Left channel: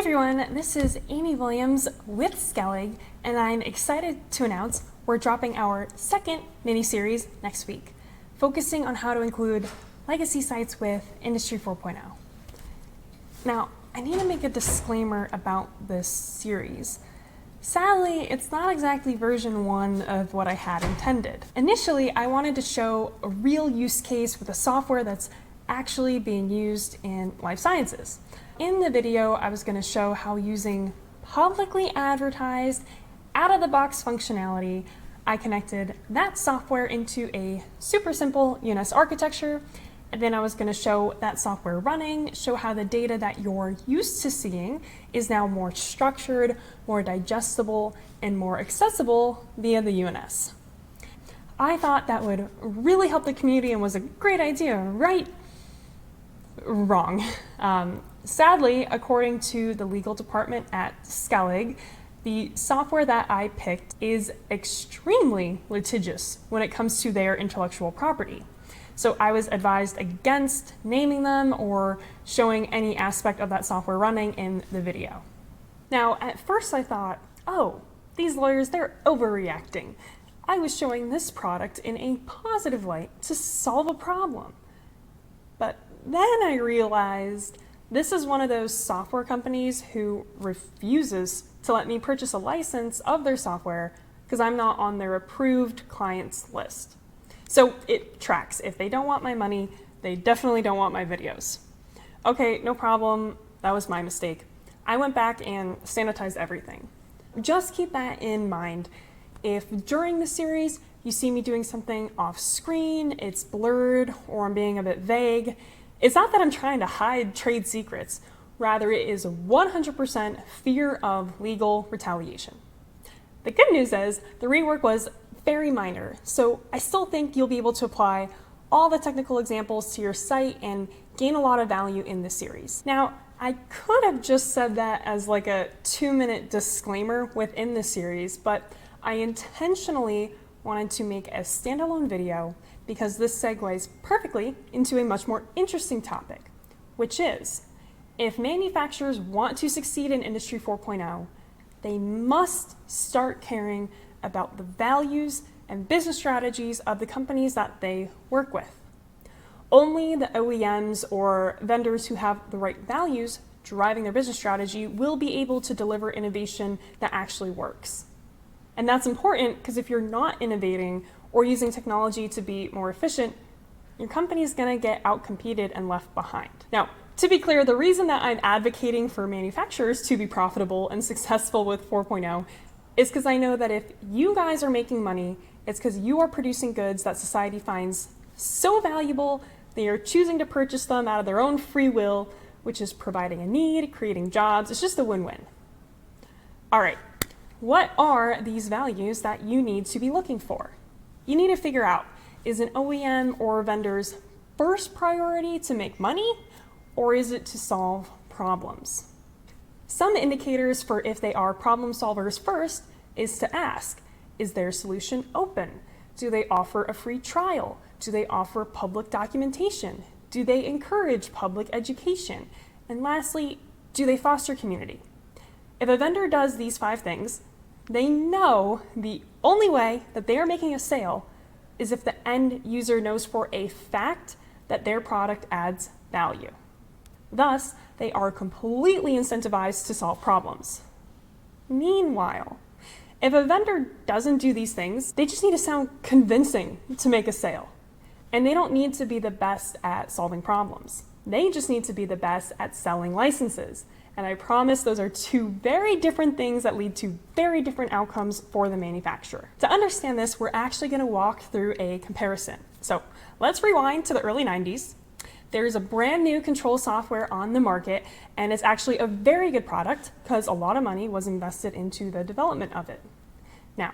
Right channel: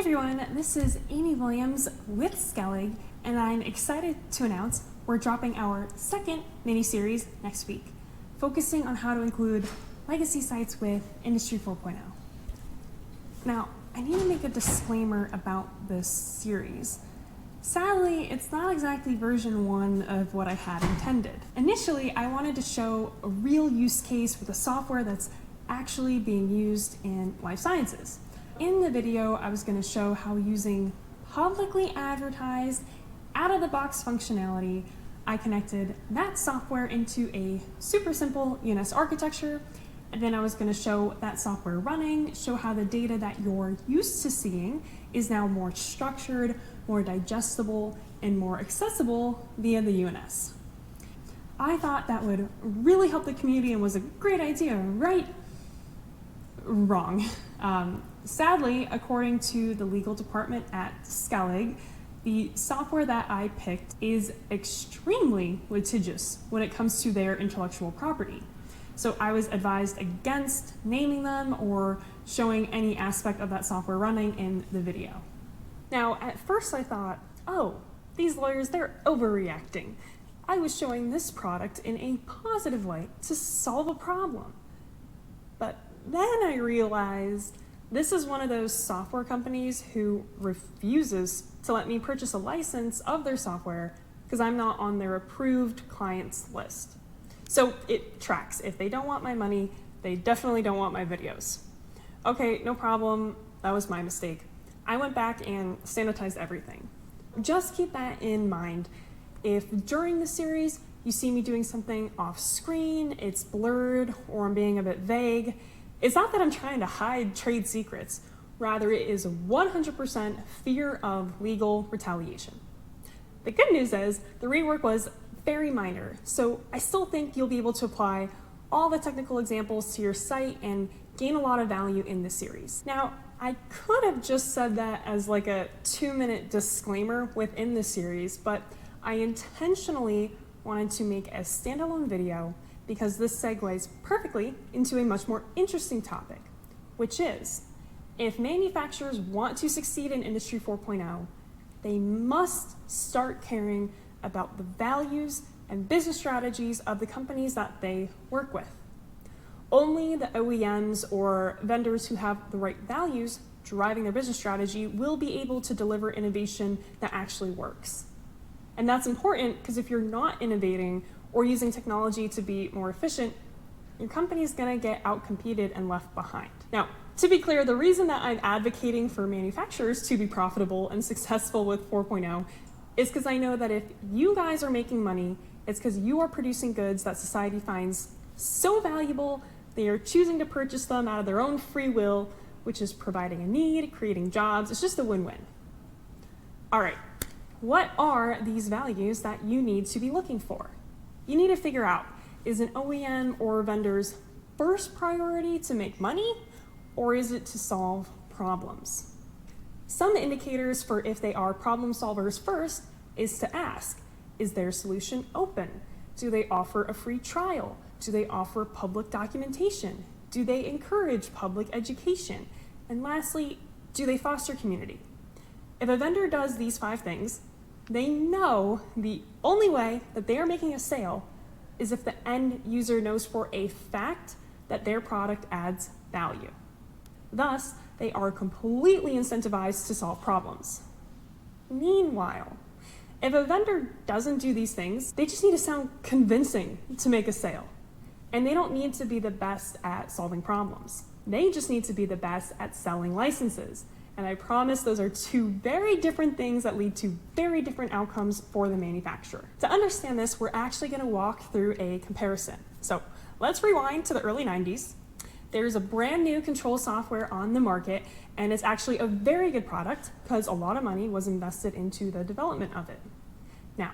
everyone, this is Amy Williams with Skellig, and I'm excited to announce we're dropping our second mini-series next week, focusing on how to include legacy sites with Industry 4.0. Now, I need to make a disclaimer about this series. Sadly, it's not exactly version 1 of what I had intended. Initially, I wanted to show a real use case with a software that's actually being used in life sciences. In the video, I was going to show how using publicly advertised, out-of-the-box functionality, I connected that software into a super simple UNS architecture, and then I was going to show that software running, show how the data that you're used to seeing is now more structured, more digestible, and more accessible via the UNS. I thought that would really help the community and was a great idea, right? Wrong. Sadly, according to the legal department at Skellig, the software that I picked is extremely litigious when it comes to their intellectual property. So I was advised against naming them or showing any aspect of that software running in the video. Now, at first I thought, oh, these lawyers, they're overreacting. I was showing this product in a positive light to solve a problem. But then I realized this is one of those software companies who refuses to let me purchase a license of their software because I'm not on their approved clients list. So it tracks. If they don't want my money, they definitely don't want my videos. Okay, no problem. That was my mistake. I went back and sanitized everything. Just keep that in mind. If during the series you see me doing something off screen, it's blurred, or I'm being a bit vague, it's not that I'm trying to hide trade secrets. Rather, it is 100% fear of legal retaliation. The good news is the rework was very minor, so I still think you'll be able to apply all the technical examples to your site and gain a lot of value in this series. Now, I could have just said that as like a 2-minute disclaimer within the series, but I intentionally wanted to make a standalone video because this segues perfectly into a much more interesting topic, which is, if manufacturers want to succeed in Industry 4.0, they must start caring about the values and business strategies of the companies that they work with. Only the OEMs or vendors who have the right values driving their business strategy will be able to deliver innovation that actually works. And that's important because if you're not innovating or using technology to be more efficient, your company is going to get outcompeted and left behind. Now, to be clear, the reason that I'm advocating for manufacturers to be profitable and successful with 4.0 is because I know that if you guys are making money, it's because you are producing goods that society finds so valuable, they are choosing to purchase them out of their own free will, which is providing a need, creating jobs. It's just a win-win. All right, what are these values that you need to be looking for? You need to figure out, is an OEM or vendor's first priority to make money, or is it to solve problems? Some indicators for if they are problem solvers first is to ask, is their solution open? Do they offer a free trial? Do they offer public documentation? Do they encourage public education? And lastly, do they foster community? If a vendor does these 5 things, they know the only way that they are making a sale is if the end user knows for a fact that their product adds value. Thus, they are completely incentivized to solve problems. Meanwhile, if a vendor doesn't do these things, they just need to sound convincing to make a sale. And they don't need to be the best at solving problems. They just need to be the best at selling licenses. And I promise those are 2 very different things that lead to very different outcomes for the manufacturer. To understand this, we're actually going to walk through a comparison. So let's rewind to the early 90s. There's a brand new control software on the market, and it's actually a very good product because a lot of money was invested into the development of it. Now,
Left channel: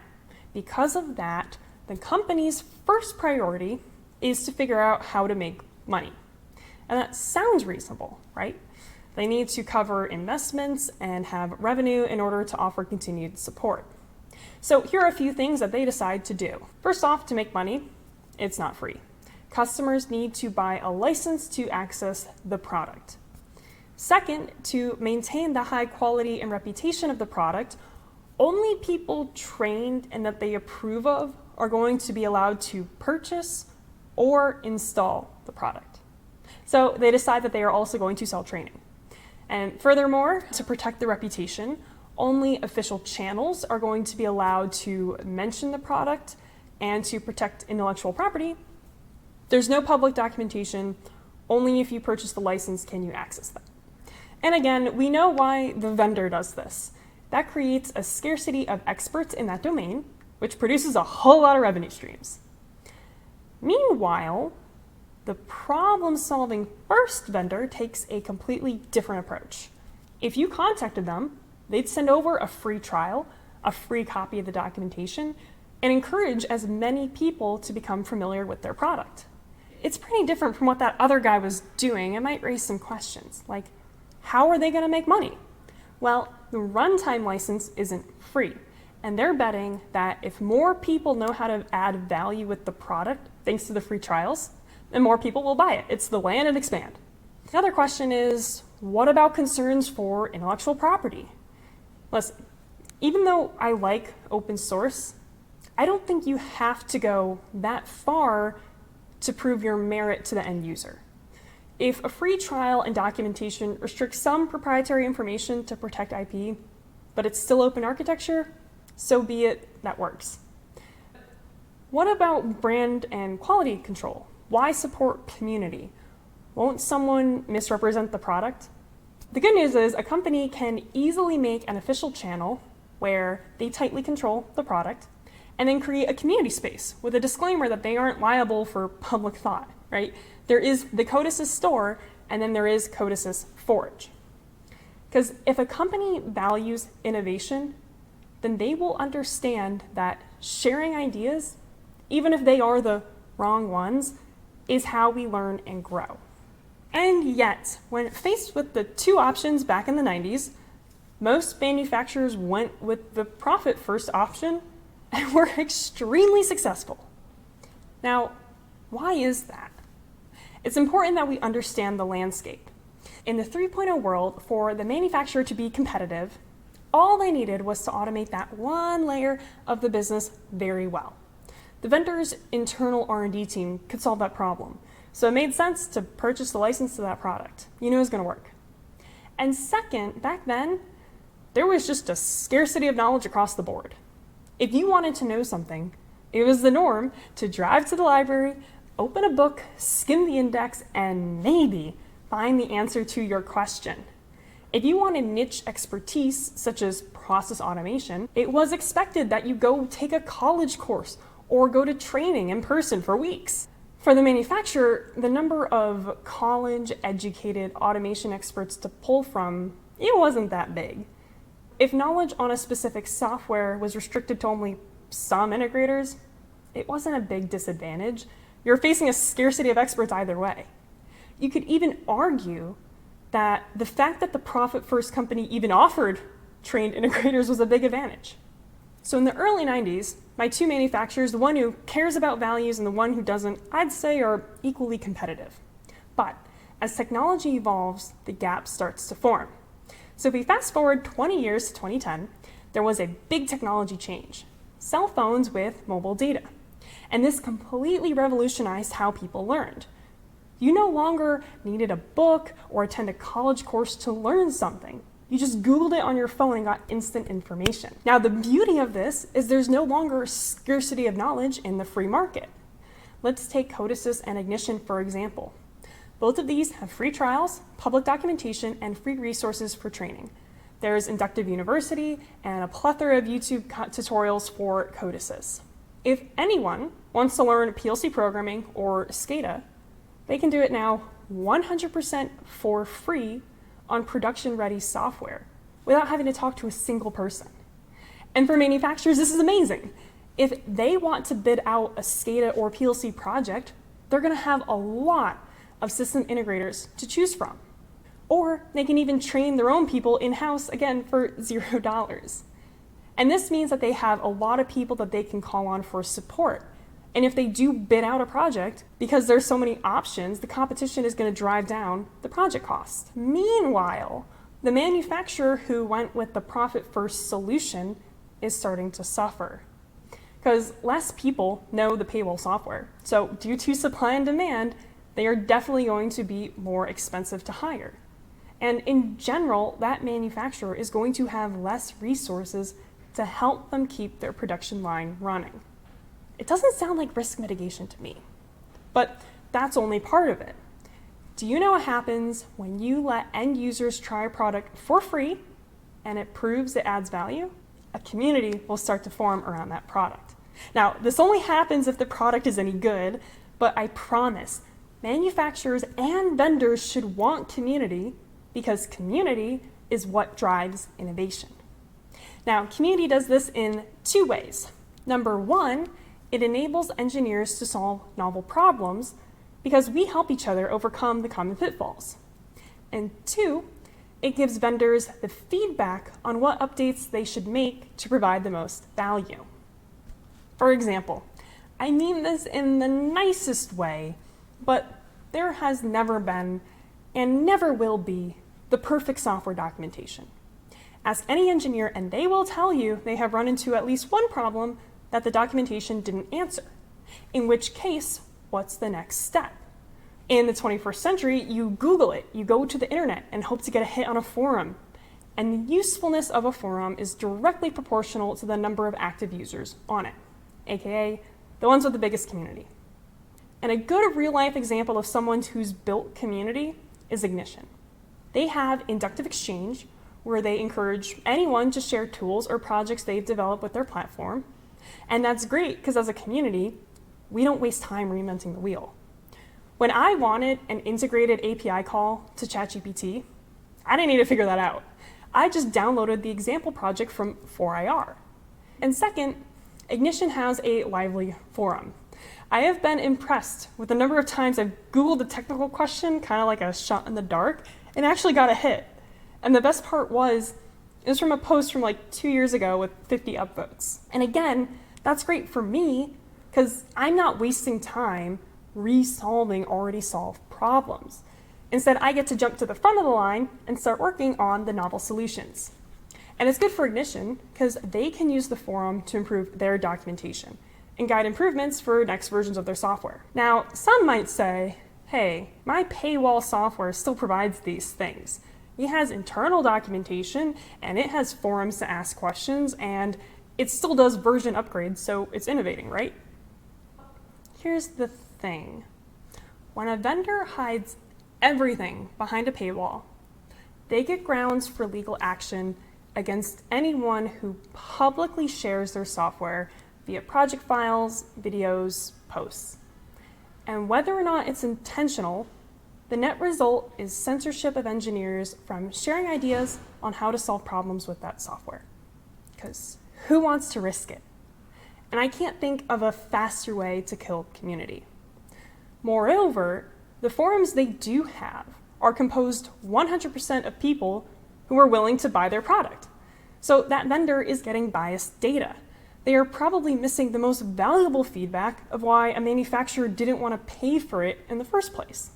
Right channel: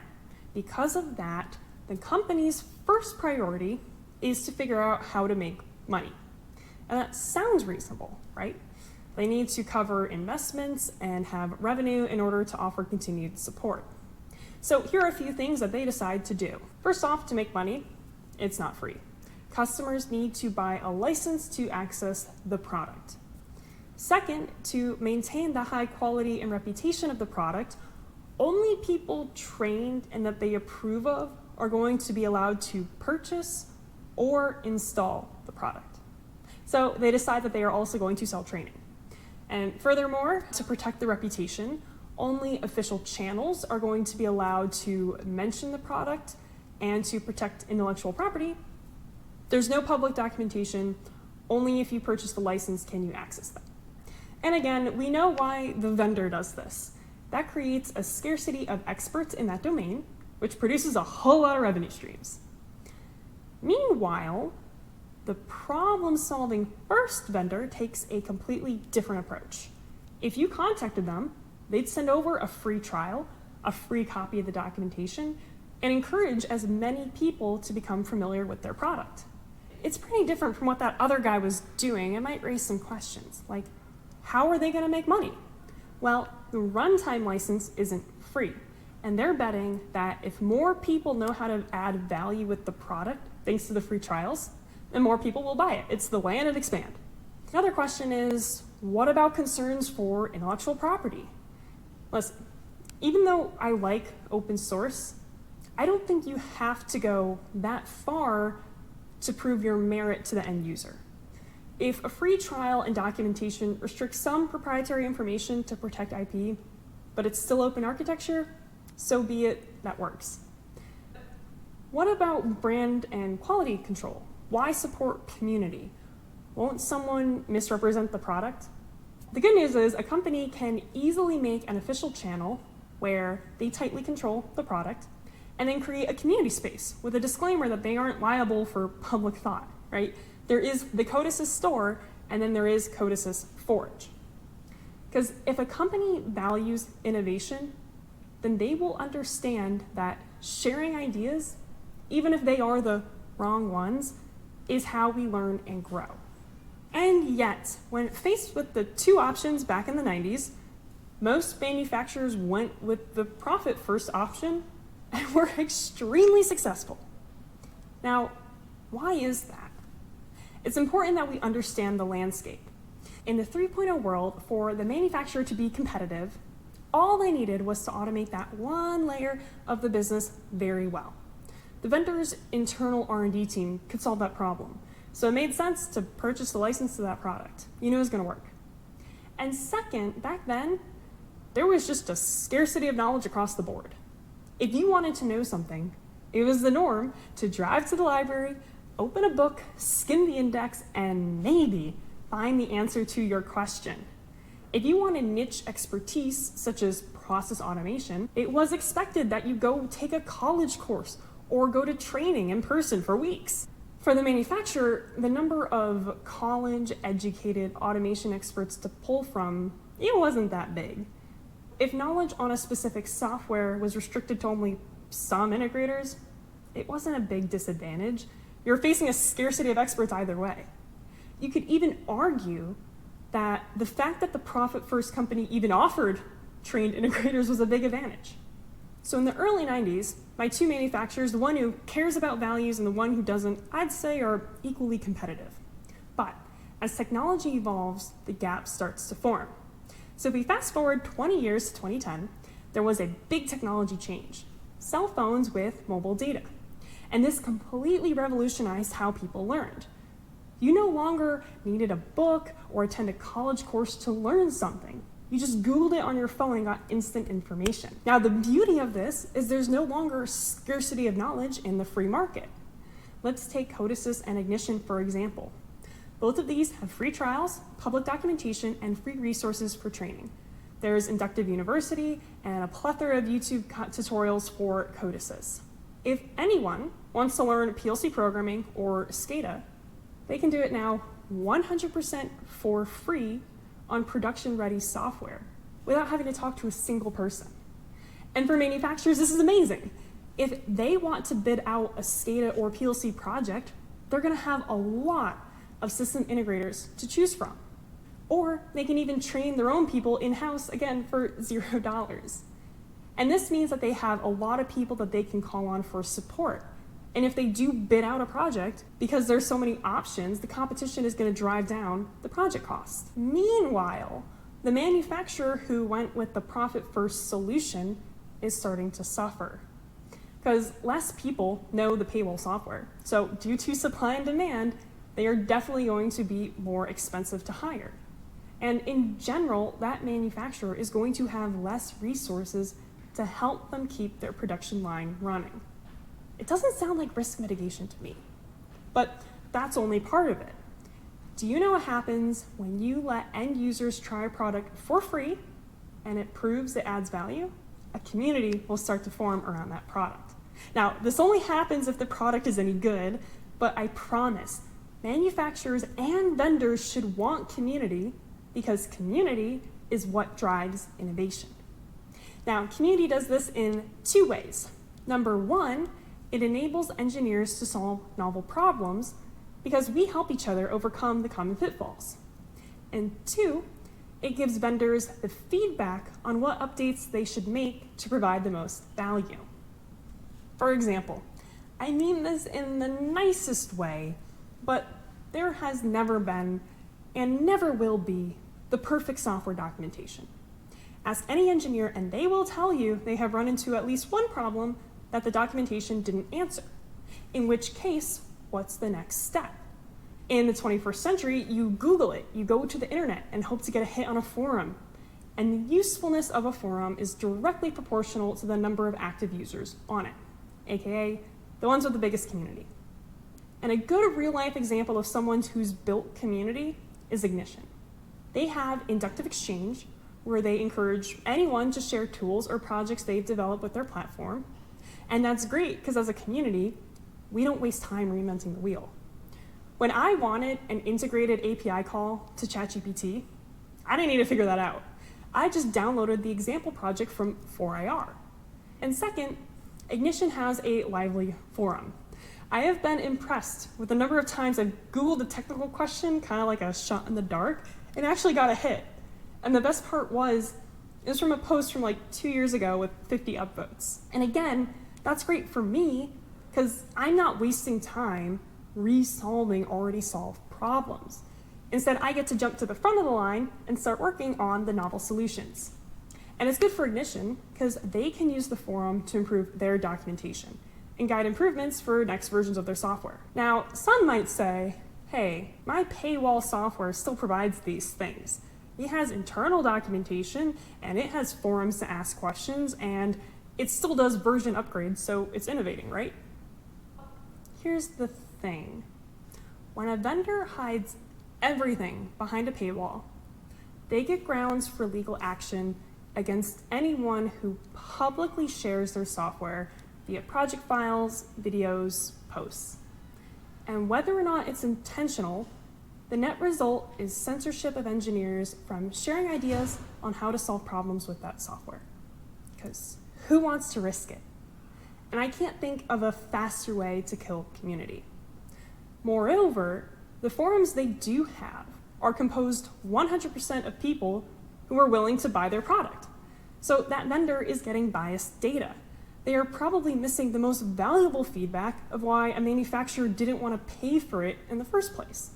because of that, the company's first priority is to figure out how to make money. And that sounds reasonable, right? They need to cover investments and have revenue in order to offer continued support. So here are a few things that they decide to do. First off, to make money, it's not free. Customers need to buy a license to access the product. Second, to maintain the high quality and reputation of the product, only people trained and that they approve of are going to be allowed to purchase or install the product. So they decide that they are also going to sell training. And furthermore, to protect the reputation, only official channels are going to be allowed to mention the product, and to protect intellectual property, there's no public documentation. Only if you purchase the license can you access them. And again, we know why the vendor does this. That creates a scarcity of experts in that domain, which produces a whole lot of revenue streams. Meanwhile, the problem-solving first vendor takes a completely different approach. If you contacted them, they'd send over a free trial, a free copy of the documentation, and encourage as many people to become familiar with their product. It's pretty different from what that other guy was doing. It might raise some questions, like, how are they going to make money? Well, the runtime license isn't free, and they're betting that if more people know how to add value with the product, thanks to the free trials, then more people will buy it. It's the land and expand. The other question is, what about concerns for intellectual property? Listen, even though I like open source, I don't think you have to go that far to prove your merit to the end user. If a free trial and documentation restricts some proprietary information to protect IP, but it's still open architecture, so be it, that works. What about brand and quality control? Why support community? Won't someone misrepresent the product? The good news is a company can easily make an official channel where they tightly control the product and then create a community space with a disclaimer that they aren't liable for public thought, right? There is the Codesys store, and then there is Codesys Forge. Because if a company values innovation, then they will understand that sharing ideas, even if they are the wrong ones, is how we learn and grow. And yet, when faced with the two options back in the 90s, most manufacturers went with the profit-first option and were extremely successful. Now, why is that? It's important that we understand the landscape. In the 3.0 world, for the manufacturer to be competitive, all they needed was to automate that one layer of the business very well. The vendor's internal R&D team could solve that problem, so it made sense to purchase the license to that product. You knew it was going to work. And second, back then, there was just a scarcity of knowledge across the board. If you wanted to know something, it was the norm to drive to the library, open a book, skim the index, and maybe find the answer to your question. If you wanted niche expertise, such as process automation, it was expected that you go take a college course or go to training in person for weeks. For the manufacturer, the number of college-educated automation experts to pull from, it wasn't that big. If knowledge on a specific software was restricted to only some integrators, it wasn't a big disadvantage. You're facing a scarcity of experts either way. You could even argue that the fact that the profit-first company even offered trained integrators was a big advantage. So in the early 90s, my two manufacturers, the one who cares about values and the one who doesn't, I'd say are equally competitive. But as technology evolves, the gap starts to form. So if we fast forward 20 years to 2010, there was a big technology change. Cell phones with mobile data. And this completely revolutionized how people learned. You no longer needed a book or attend a college course to learn something. You just Googled it on your phone and got instant information. Now, the beauty of this is there's no longer a scarcity of knowledge in the free market. Let's take Codesys and Ignition, for example. Both of these have free trials, public documentation, and free resources for training. There's Inductive University and a plethora of YouTube tutorials for Codesys. If anyone wants to learn PLC programming or SCADA, they can do it now 100% for free on production-ready software without having to talk to a single person. And for manufacturers, this is amazing. If they want to bid out a SCADA or PLC project, they're going to have a lot of system integrators to choose from. Or they can even train their own people in-house, again, for $0. And this means that they have a lot of people that they can call on for support And if they do bid out a project, because there's so many options, the competition is going to drive down the project cost. Meanwhile, the manufacturer who went with the profit-first solution is starting to suffer, because less people know the Paywall software. So due to supply and demand, they are definitely going to be more expensive to hire. And in general, that manufacturer is going to have less resources to help them keep their production line running. It doesn't sound like risk mitigation to me, but that's only part of it. Do you know what happens when you let end users try a product for free and it proves it adds value? A community will start to form around that product. Now, this only happens if the product is any good, but I promise manufacturers and vendors should want community, because community is what drives innovation. Now, community does this in two ways. Number one, it enables engineers to solve novel problems because we help each other overcome the common pitfalls. And two, it gives vendors the feedback on what updates they should make to provide the most value. For example, I mean this in the nicest way, but there has never been and never will be the perfect software documentation. Ask any engineer and they will tell you they have run into at least one problem that the documentation didn't answer. In which case, what's the next step? In the 21st century, you Google it, you go to the internet and hope to get a hit on a forum. And the usefulness of a forum is directly proportional to the number of active users on it, aka the ones with the biggest community. And a good real-life example of someone who's built community is Ignition. They have inductive exchange, where they encourage anyone to share tools or projects they've developed with their platform. And that's great, because as a community, we don't waste time reinventing the wheel. When I wanted an integrated API call to ChatGPT, I didn't need to figure that out. I just downloaded the example project from 4IR. And second, Ignition has a lively forum. I have been impressed with the number of times I've Googled a technical question, kind of like a shot in the dark, and actually got a hit. And the best part was, it was from a post from like 2 years ago with 50 upvotes. And again, that's great for me, because I'm not wasting time resolving already solved problems. Instead, I get to jump to the front of the line and start working on the novel solutions. And it's good for Ignition, because they can use the forum to improve their documentation and guide improvements for next versions of their software. Now, some might say, hey, my Paywall software still provides these things. It has internal documentation, and it has forums to ask questions, and it still does version upgrades, so it's innovating, right? Here's the thing. When a vendor hides everything behind a paywall, they get grounds for legal action against anyone who publicly shares their software via project files, videos, posts. And whether or not it's intentional, the net result is censorship of engineers from sharing ideas on how to solve problems with that software. Because who wants to risk it? And I can't think of a faster way to kill community. Moreover, the forums they do have are composed 100% of people who are willing to buy their product. So that vendor is getting biased data. They are probably missing the most valuable feedback of why a manufacturer didn't want to pay for it in the first place.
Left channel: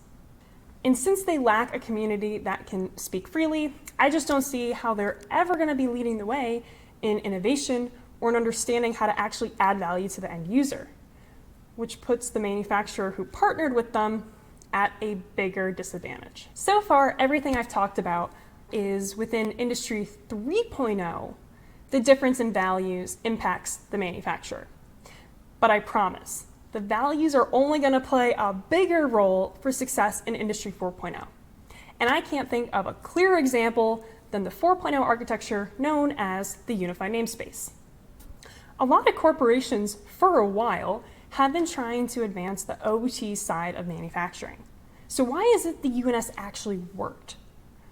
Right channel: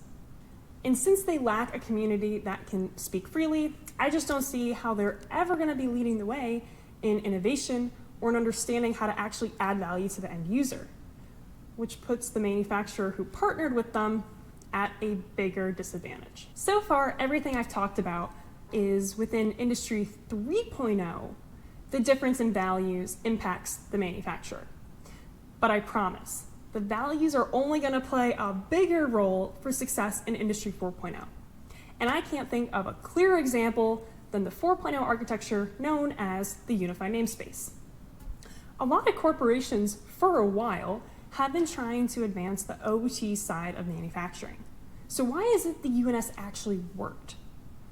And since they lack a community that can speak freely, I just don't see how they're ever going to be leading the way in innovation or in understanding how to actually add value to the end user, which puts the manufacturer who partnered with them at a bigger disadvantage. So far, everything I've talked about is within Industry 3.0. The difference in values impacts the manufacturer. But I promise, the values are only going to play a bigger role for success in Industry 4.0. And I can't think of a clearer example than the 4.0 architecture known as the unified namespace. A lot of corporations, for a while, have been trying to advance the OT side of manufacturing. So why is it the UNS actually worked?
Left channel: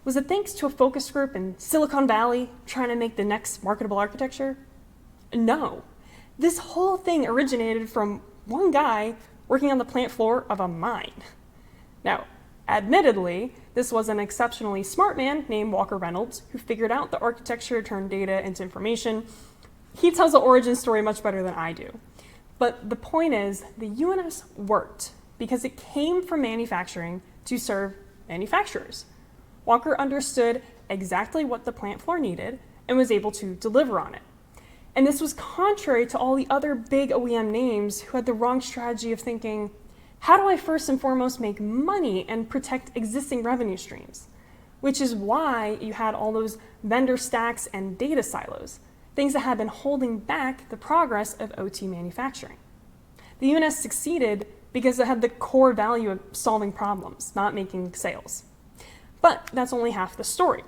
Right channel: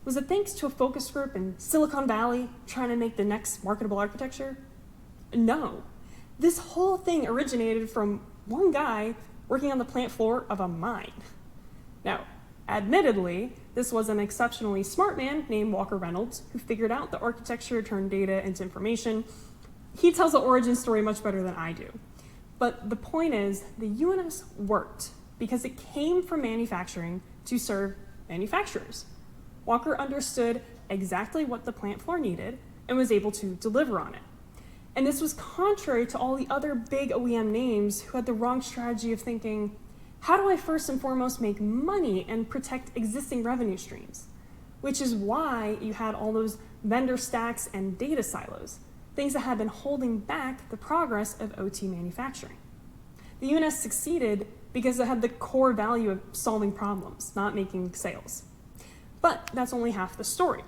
Was it thanks to a focus group in Silicon Valley trying to make the next marketable architecture? No. This whole thing originated from one guy working on the plant floor of a mine. Now, admittedly, this was an exceptionally smart man named Walker Reynolds who figured out the architecture turned data into information. He tells the origin story much better than I do. But the point is, the UNS worked because it came from manufacturing to serve manufacturers. Walker understood exactly what the plant floor needed and was able to deliver on it. And this was contrary to all the other big OEM names who had the wrong strategy of thinking, how do I first and foremost make money and protect existing revenue streams? Which is why you had all those vendor stacks and data silos, things that had been holding back the progress of OT manufacturing. The UNS succeeded because it had the core value of solving problems, not making sales. But that's only half the story.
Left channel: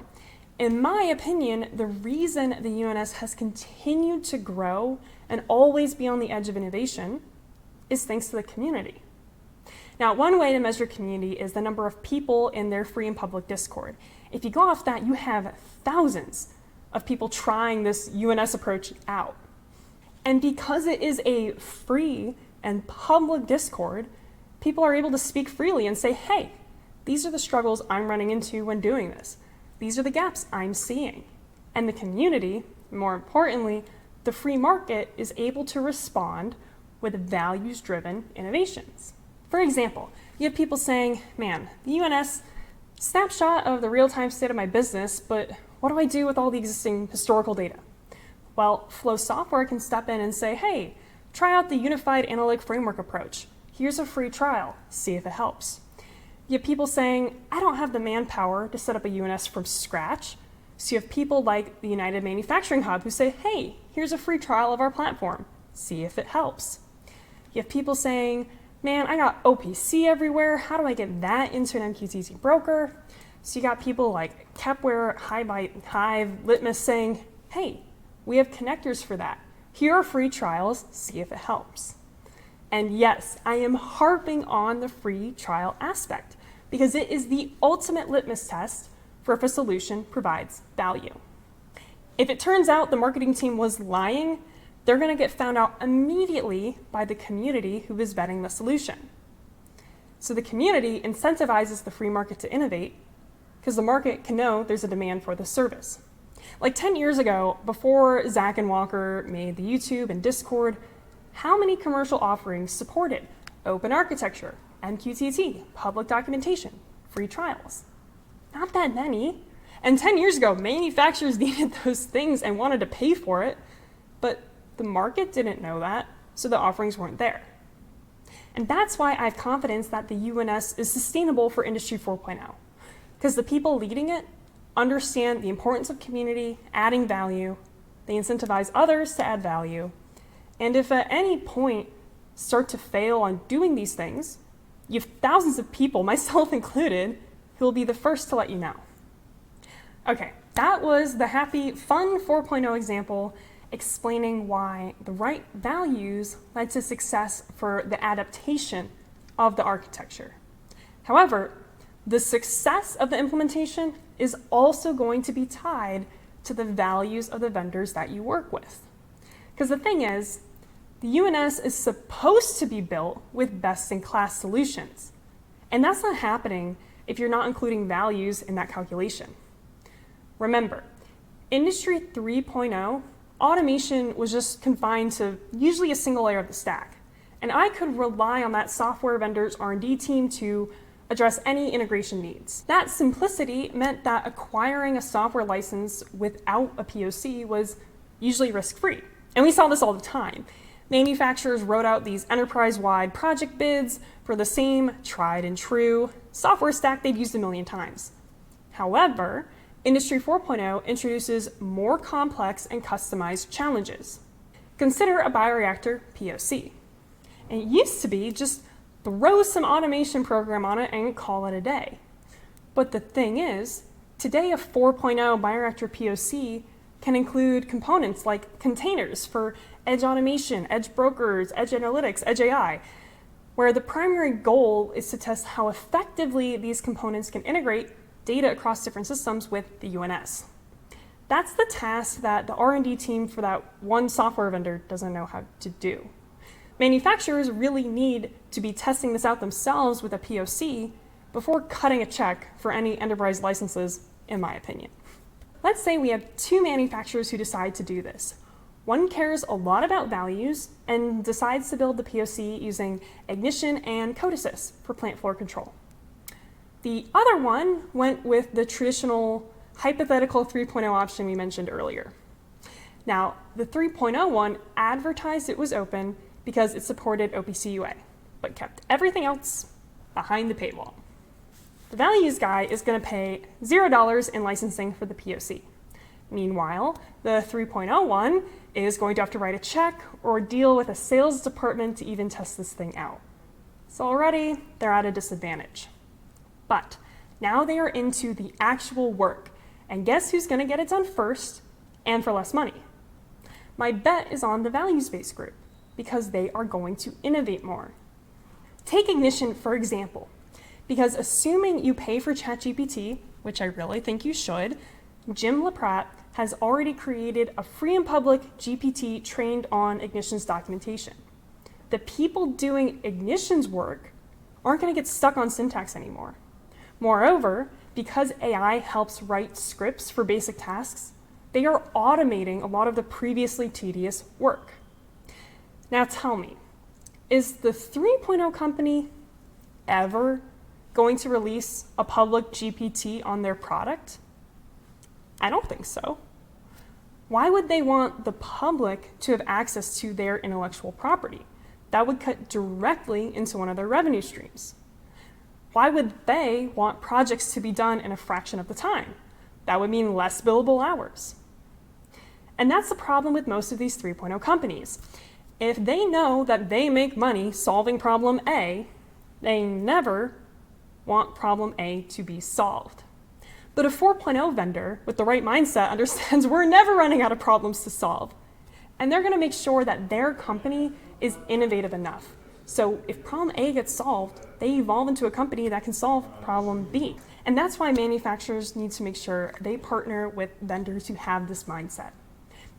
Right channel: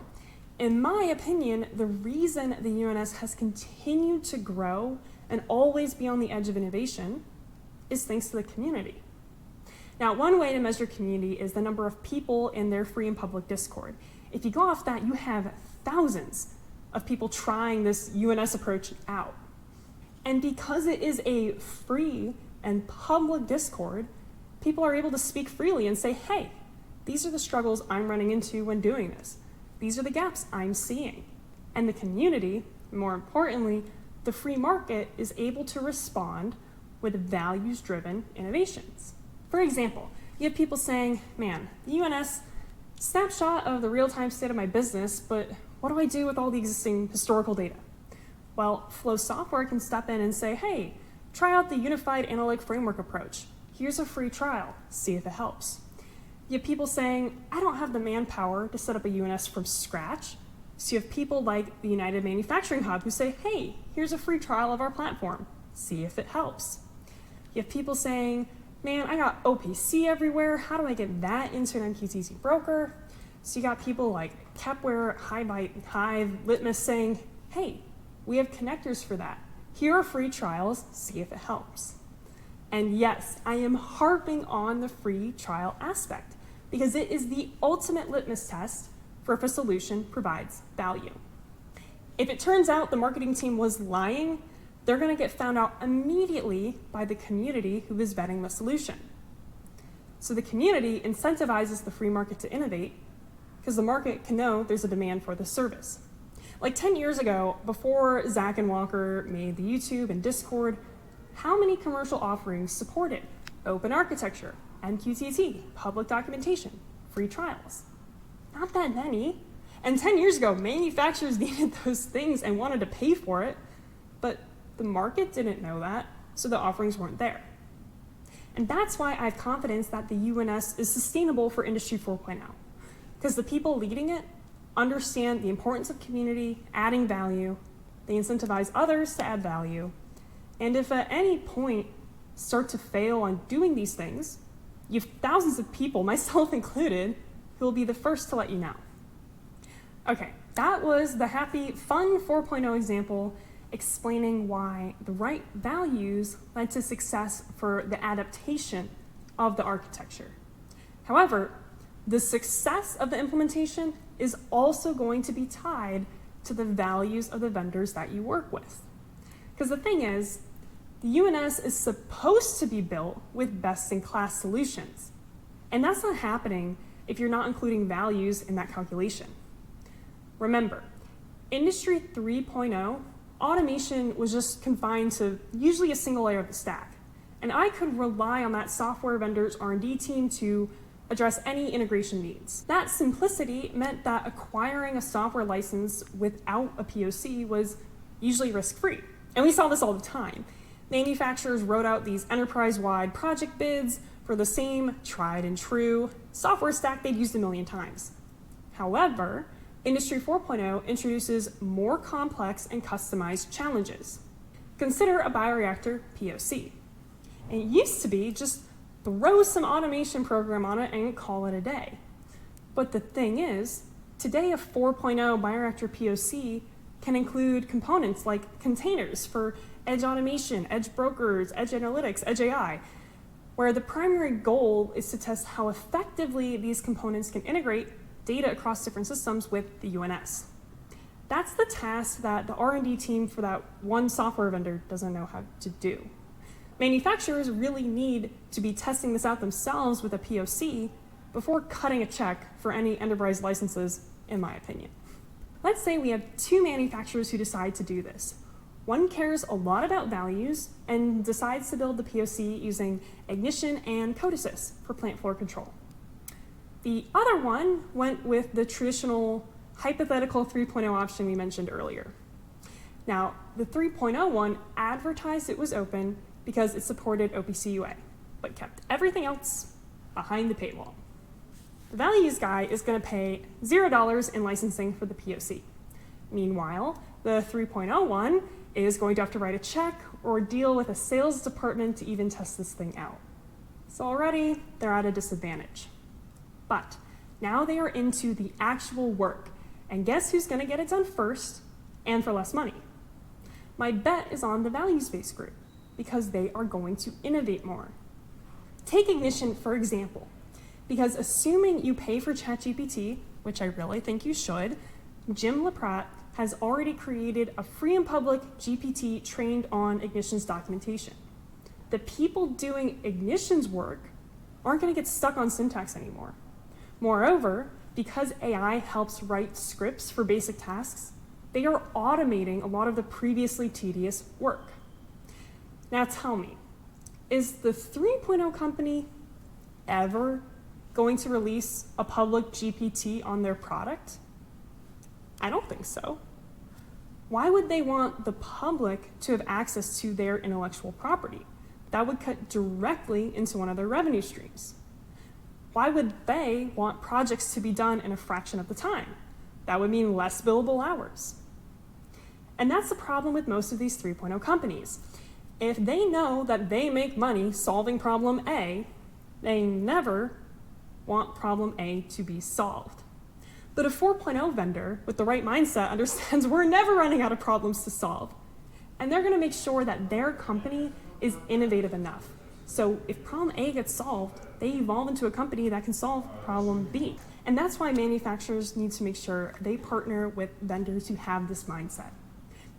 In my opinion, the reason the UNS has continued to grow and always be on the edge of innovation is thanks to the community. Now, one way to measure community is the number of people in their free and public Discord. If you go off that, you have thousands of people trying this UNS approach out. And because it is a free and public Discord, people are able to speak freely and say, hey, these are the struggles I'm running into when doing this. These are the gaps I'm seeing. And the community, more importantly, the free market, is able to respond with values-driven innovations. For example, you have people saying, man, the UNS snapshot of the real-time state of my business, but what do I do with all the existing historical data? Well, Flow Software can step in and say, hey, try out the Unified Analytic Framework approach. Here's a free trial. See if it helps. You have people saying, I don't have the manpower to set up a UNS from scratch. So you have people like the United Manufacturing Hub who say, hey, here's a free trial of our platform. See if it helps. You have people saying, man, I got OPC everywhere. How do I get that into an MQTT broker? So you got people like Kepware, Hive, Litmus saying, hey, we have connectors for that. Here are free trials. See if it helps. And yes, I am harping on the free trial aspect because it is the ultimate litmus test for if a solution provides value. If it turns out the marketing team was lying, they're going to get found out immediately by the community who is vetting the solution. So the community incentivizes the free market to innovate because the market can know there's a demand for the service. Like 10 years ago, before Zach and Walker made the YouTube and Discord, how many commercial offerings supported open architecture, MQTT, public documentation, free trials? Not that many. And 10 years ago, manufacturers needed those things and wanted to pay for it, but the market didn't know that, so the offerings weren't there. And that's why I have confidence that the UNS is sustainable for Industry 4.0, because the people leading it understand the importance of community, adding value, they incentivize others to add value, and if at any point start to fail on doing these things, you have thousands of people, myself included, who will be the first to let you know. Okay, that was the happy, fun 4.0 example explaining why the right values led to success for the adaptation of the architecture. However, the success of the implementation is also going to be tied to the values of the vendors that you work with. Because the thing is, the UNS is supposed to be built with best-in-class solutions. And that's not happening if you're not including values in that calculation. Remember, Industry 3.0, automation was just confined to usually a single layer of the stack. And I could rely on that software vendor's R&D team to address any integration needs. That simplicity meant that acquiring a software license without a POC was usually risk-free. And we saw this all the time. Manufacturers wrote out these enterprise-wide project bids for the same tried and true software stack they'd used a million times. However, Industry 4.0 introduces more complex and customized challenges. Consider a bioreactor POC. And it used to be just throw some automation program on it and call it a day. But the thing is, today a 4.0 bioreactor POC can include components like containers for edge automation, edge brokers, edge analytics, edge AI, where the primary goal is to test how effectively these components can integrate data across different systems with the UNS. That's the task that the R&D team for that one software vendor doesn't know how to do. Manufacturers really need to be testing this out themselves with a POC before cutting a check for any enterprise licenses, in my opinion. Let's say we have two manufacturers who decide to do this. One cares a lot about values and decides to build the POC using ignition and code assist for plant floor control. The other one went with the traditional hypothetical 3.0 option we mentioned earlier. Now, the 3.0 one advertised it was open because it supported OPC UA, but kept everything else behind the paywall. The values guy is going to pay $0 in licensing for the POC. Meanwhile, the 3.0 one is going to have to write a check or deal with a sales department to even test this thing out. So already, they're at a disadvantage. But now they are into the actual work, and guess who's going to get it done first and for less money? My bet is on the values-based group, because they are going to innovate more. Take Ignition, for example, because assuming you pay for ChatGPT, which I really think you should, Jim LaPrat has already created a free and public GPT trained on Ignition's documentation. The people doing Ignition's work aren't going to get stuck on syntax anymore. Moreover, because AI helps write scripts for basic tasks, they are automating a lot of the previously tedious work. Now tell me, is the 3.0 company ever going to release a public GPT on their product? I don't think so. Why would they want the public to have access to their intellectual property? That would cut directly into one of their revenue streams. Why would they want projects to be done in a fraction of the time? That would mean less billable hours. And that's the problem with most of these 3.0 companies. If they know that they make money solving problem A, they never want problem A to be solved. But a 4.0 vendor with the right mindset understands we're never running out of problems to solve. And they're going to make sure that their company is innovative enough. So if problem A gets solved, they evolve into a company that can solve problem B. And that's why manufacturers need to make sure they partner with vendors who have this mindset.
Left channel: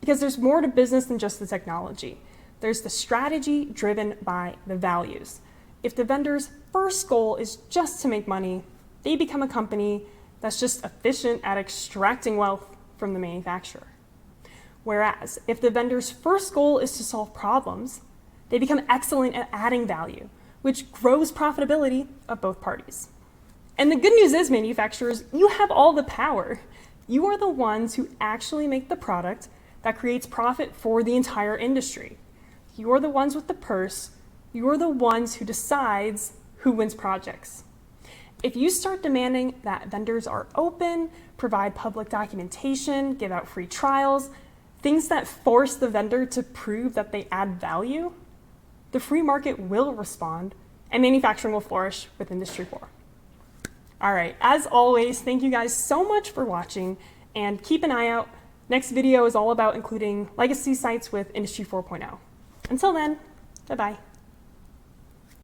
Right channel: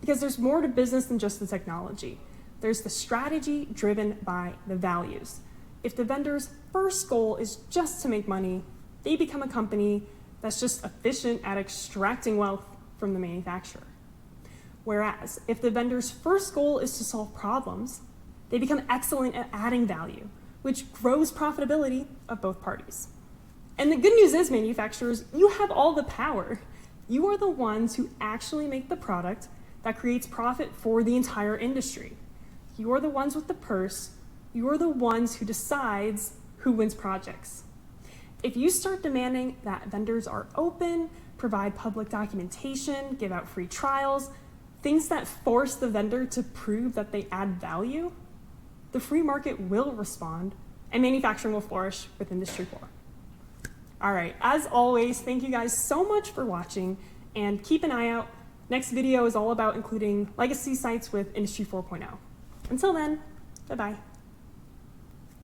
Because there's more to business than just the technology. There's the strategy driven by the values. If the vendor's first goal is just to make money, they become a company that's just efficient at extracting wealth from the manufacturer. Whereas if the vendor's first goal is to solve problems, they become excellent at adding value, which grows profitability of both parties. And the good news is, manufacturers, you have all the power. You are the ones who actually make the product that creates profit for the entire industry. You're the ones with the purse. You're the ones who decides who wins projects. If you start demanding that vendors are open, provide public documentation, give out free trials, things that force the vendor to prove that they add value, the free market will respond and manufacturing will flourish with Industry 4. All right, as always, thank you guys so much for watching and keep an eye out. Next video is all about including legacy sites with Industry 4.0. Until then, bye-bye.